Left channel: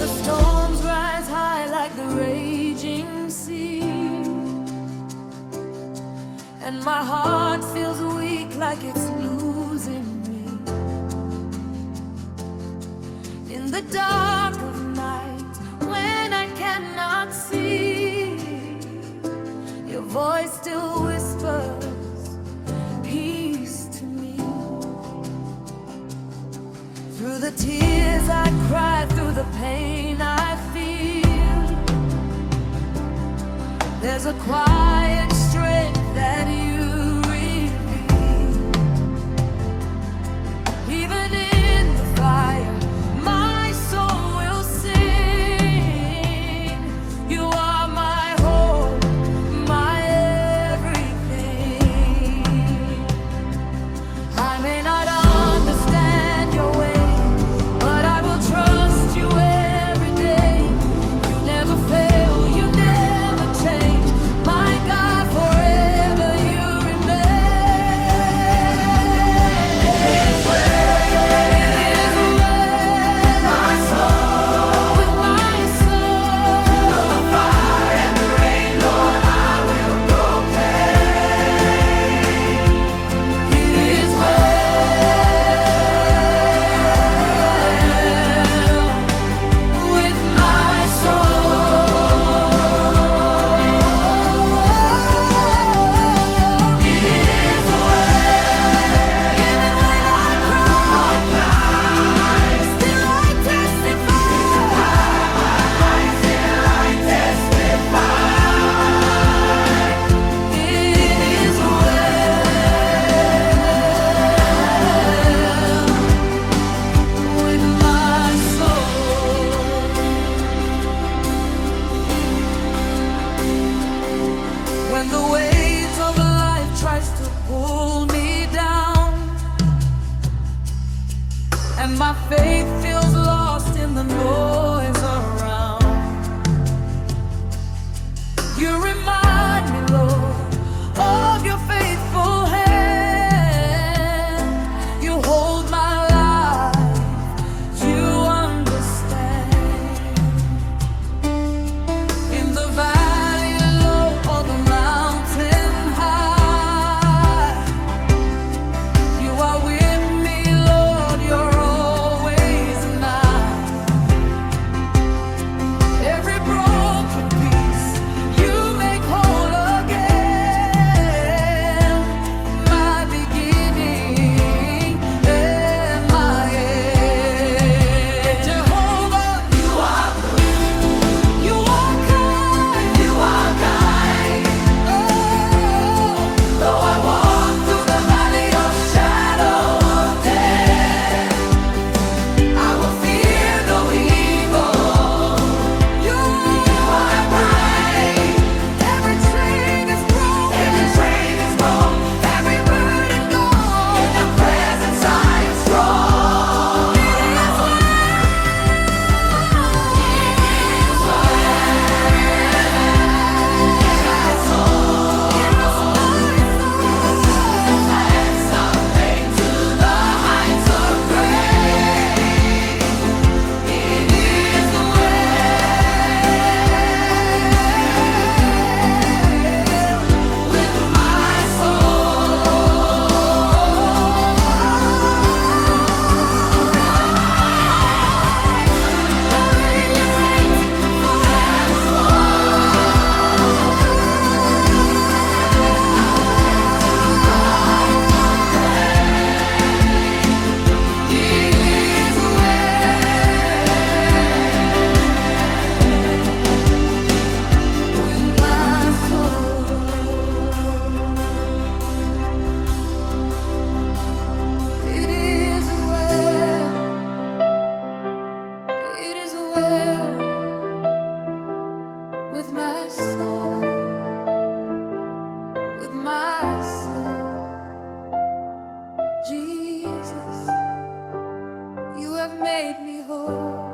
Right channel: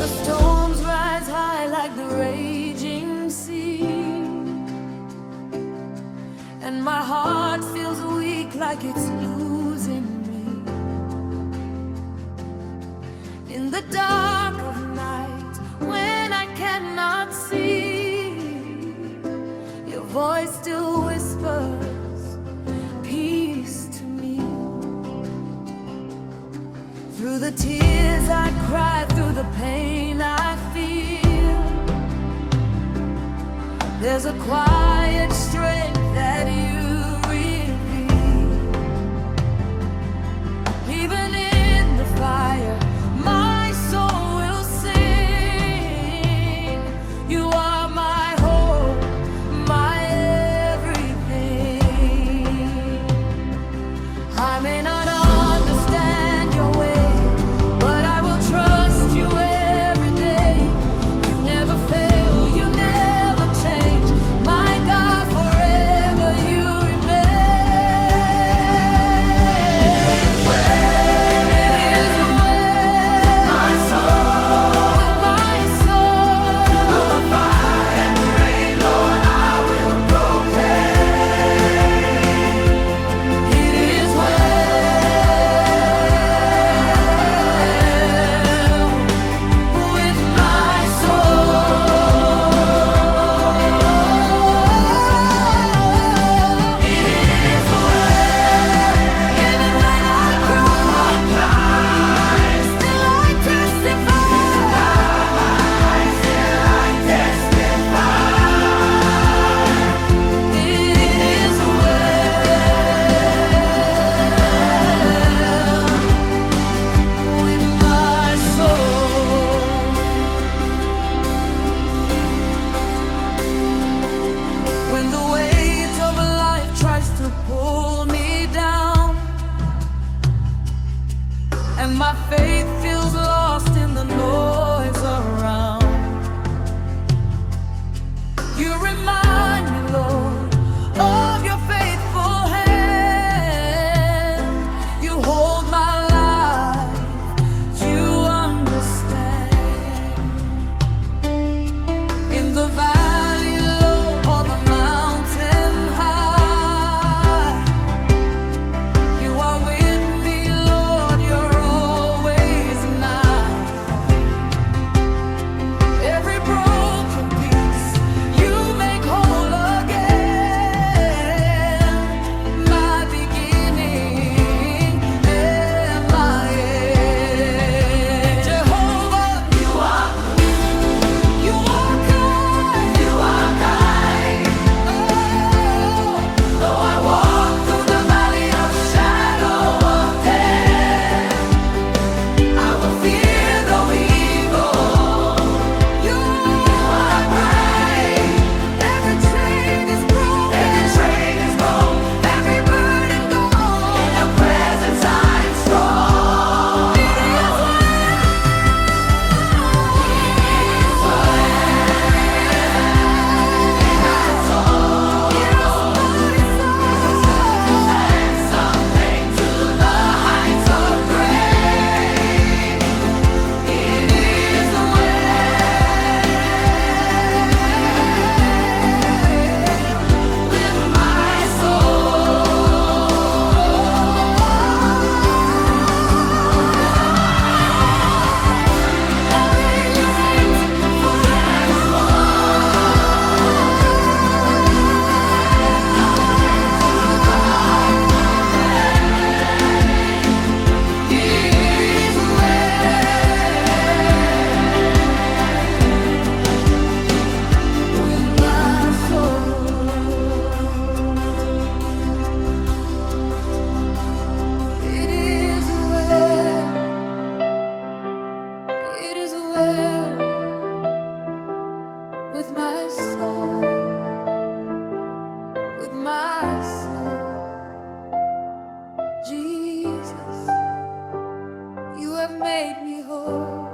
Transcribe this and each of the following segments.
the storms rise high like the raging sea, and my heart feels weak like it's losing me. In the dark of night, when I cannot see, your voice still whispers peace to me. Through the tears I cry, through the pain I feel, there's a quiet strength that you reveal. Even in the fire, my soul will sing. You are my hope, my everything. I may not understand your way, but I will trust you every day. You never fail, you never change. My God, forever you remain. It is well my soul, with my soul. Through the fire and the rain, Lord, I will proclaim. It is well with my soul. It is well. Even when I cry, still I testify. Still I testify. It is well with my soul. When the weight of life tries to pull me down, and my faith feels lost in the noise around, you remind me, Lord, of your faithful hand. You hold my life, you understand. In the valley low or the mountain high, you are with me, Lord, you're always nigh. Every broken piece you make whole again. My beginning and my end. Jehovah, you are good. You are kind. You are kind. Oh, though I walk through the valley of shadow of death, I will fear no evil. You are great. Every chain is broken. Every chain is broken. Every burden gone. In your presence I am strong. It is well. My soul. Yes, my soul. Something to the heights of grace. It is well with my soul. You reign forever. It is well with my soul. It is well. It is well with my soul. With my soul. Jesus, you have made me whole.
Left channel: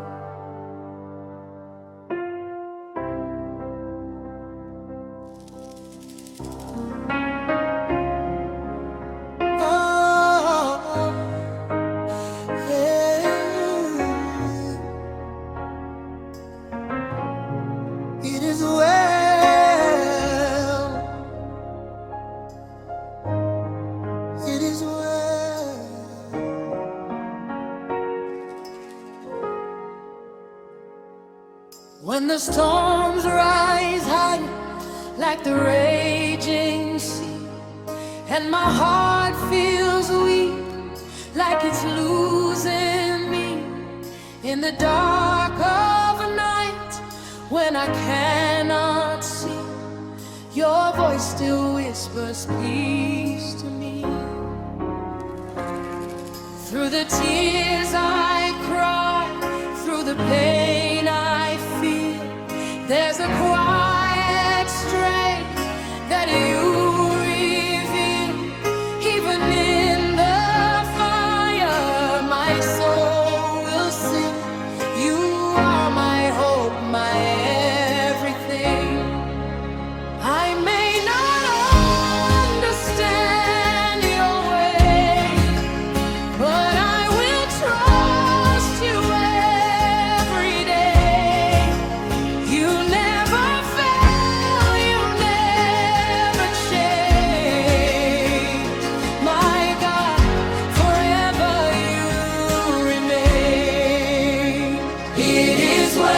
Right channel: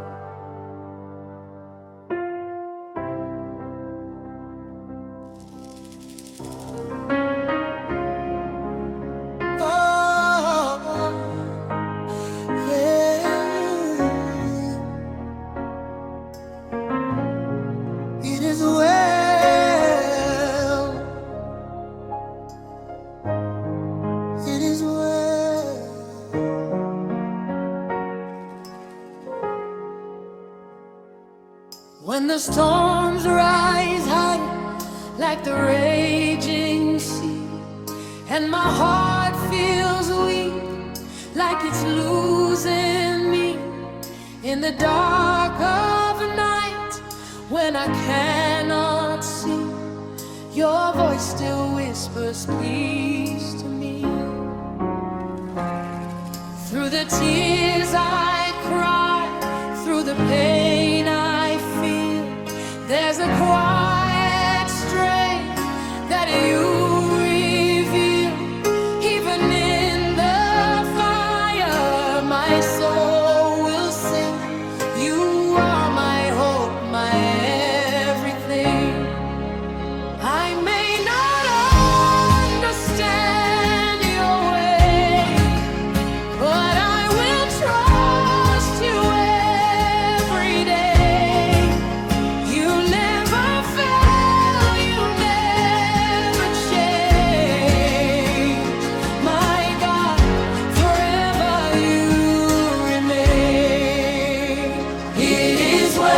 When the storms rise high like the raging sea, and my heart feels weak like it's losing me, in the dark of night when I cannot see, your voice still whispers peace to me. Through the tears I cry, through the pain I feel, there's a quiet strength that you reveal. Even in the fire, my soul will sing. You are my hope, my everything. I may not understand your way, but I will trust you every day. You never fail, you never change. My God, forever you remain. It is well.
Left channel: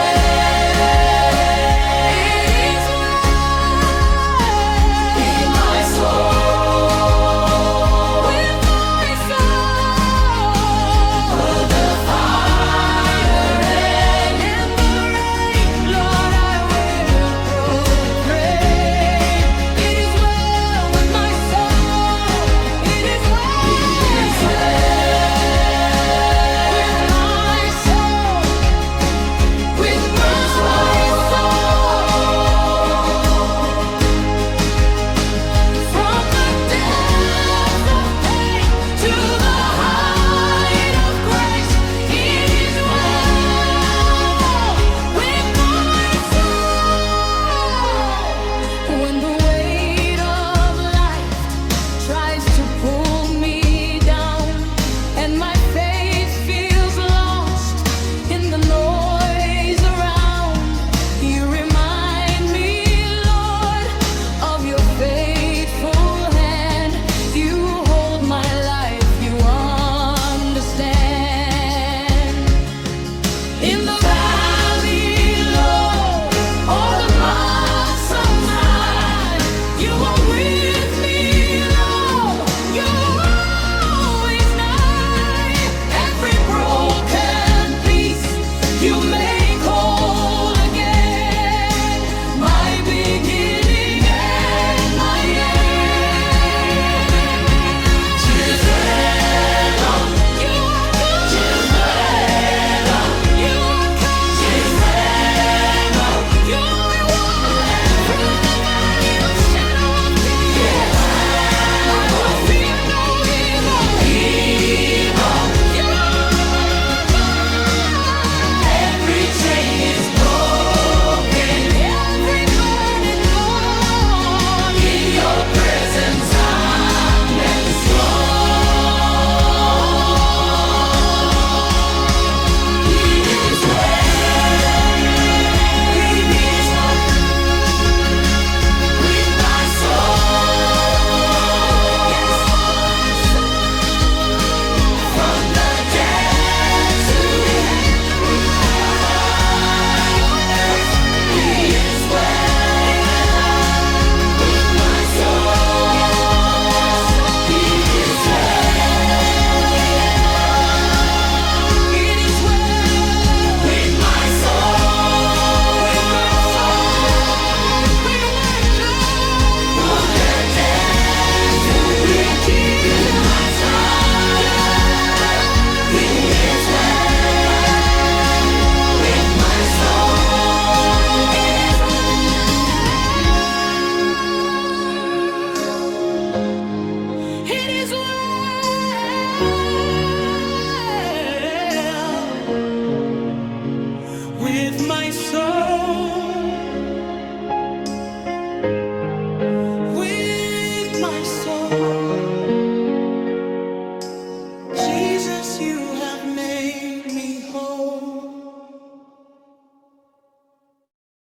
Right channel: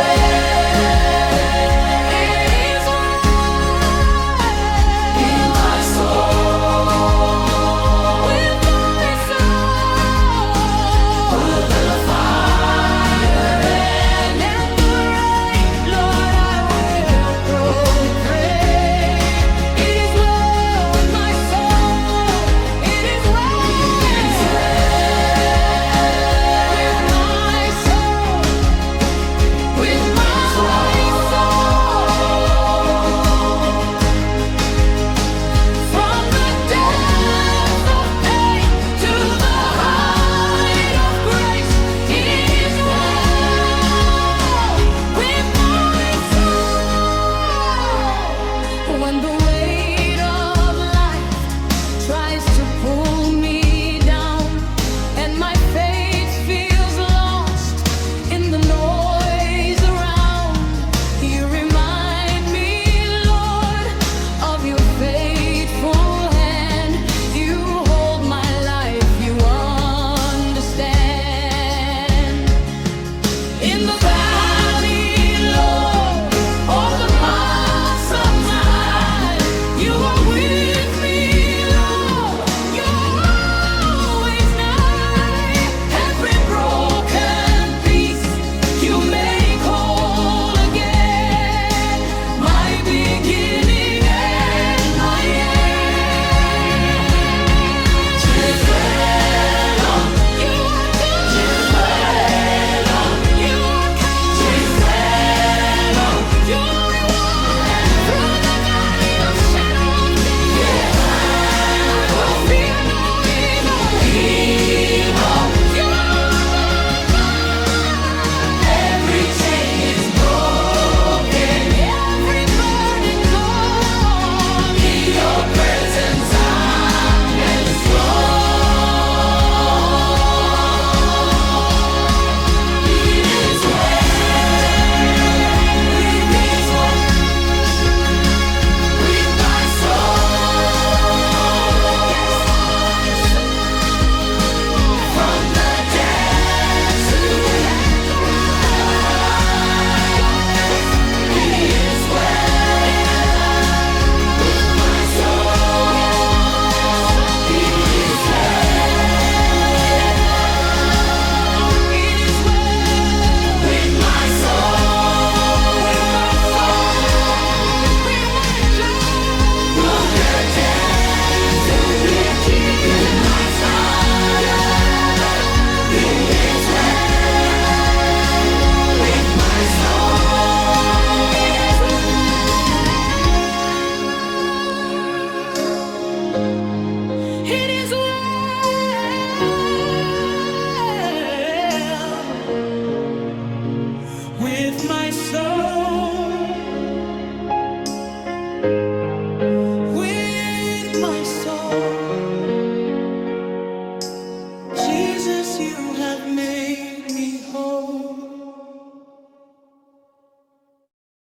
When the weight of life tries to pull me down, and my faith feels lost in the noise around, you remind me, Lord, of your faithful hand. You hold my life, you understand. In the valley low or the you are with me, love. You're always nigh. Every broken piece you make whole again. My beginning and my end. You are good. You are kind. You are one through the valley of shadow of death. I will fear no evil. You're my mind. Every chain is broken. Every burden gone. In your presence I'm made strong. It is well. It is well with my soul. Yes, my soul. From the depths to the heavens, you're the praise. It is well with my soul. With my soul. It is well with my soul. With my soul. With my joy. From the depths to bring Jesus. My soul. It is well with my soul. It is well. It is well with my soul. With my soul. Jesus, you have made